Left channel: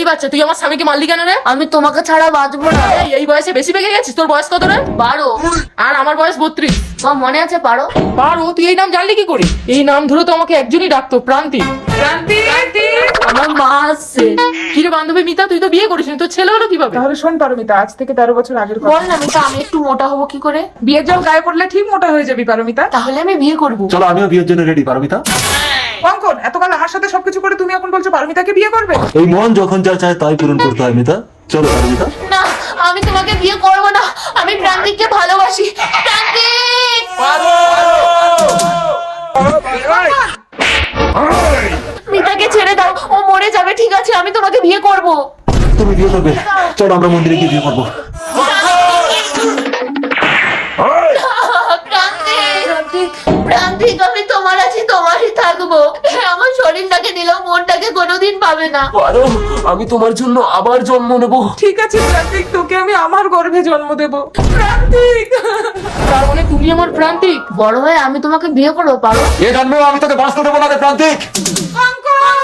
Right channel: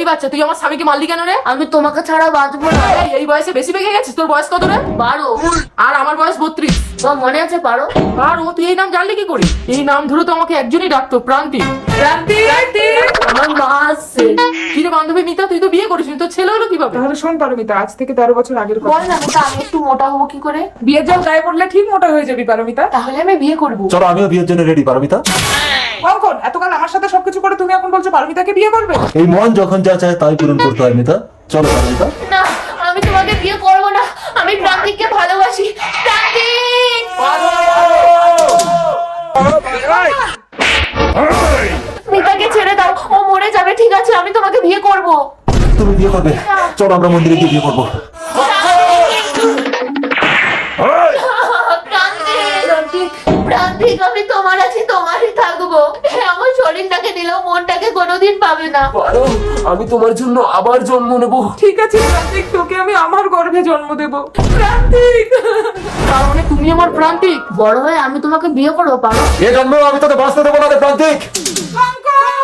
এই বাচ্চা, তুই আমার স্বামীকে মারলি কেন রে? আমি তোমাকে ছাড়া বাঁচবো না। এই বয়সে বেশি পেকে গেছিস। তোর বয়স কত রে? 12। আর আমার বয়স 32। তোমার মনে আছে পারো? পারো? তুই এই নাম জানলি কি করে? এই নাম ধরে তো আমাকে একজনই ডাকতো, প্রান্তিক। আমার মা আসছে। কি রে বান্ধবী মিতা, তুই তো বিয়ে করিস নি, তোর ছেলে হলো কিভাবে? তাহলে শোন পারমিতা, আজ থেকে 13 বছর আগের কথা। বল না মিতা, আমি একটু মোটা হবো কি করে? বিয়ের জল গায়ে পড়লে ঠিক মোটা হয়ে যাবি পারমিতা। তাহলে আমি বিয়ে করবো। চলো আমিও বিয়ের জন্য রেডি পারমিতা। কঙ্কন, এতকাল আমার সাথে সবকিছু করে তুমি এখন বলছো পারমিতাকে বিয়ে করবে? এই মন যখন যা চায় তাই পূরণ করতে হয় মিতা। চলো পারমিতা। না, আমি তোমাকে বিয়ে করবো না। আমি প্রান্তিককে ভালোবাসি। প্রান্তিক! মিতাকে ছেড়ে দাও, ও মরে যাবে। ঠিক আছে, আমি তোমাকে বিয়ে করবো। তুমি বিয়ে করবে? চলো আমরা মন্দিরে গিয়ে বিয়ে করবো। প্রান্তিক, প্রান্তিক, আমি তোমার আছি, তোমারই থাকবো। আমার শরীরটাকে নিলেও মনটাকে কোনোদিন পাবে না। পারো, আমি তোমার জন্য আবার জন্ম নেব। ঠিক আছে প্রান্তিক, তোকে আমি আমার গর্ভে জন্ম দেব। প্রান্তিক! তার মানে তুমি আমার প্রান্তিক? বড় হয়ে আমি তোমাকে বিয়ে করবো পারো? এ জন্মেও আমি তোকে বাঁচতে দেবো না রে প্রান্তিক। কঙ্কন!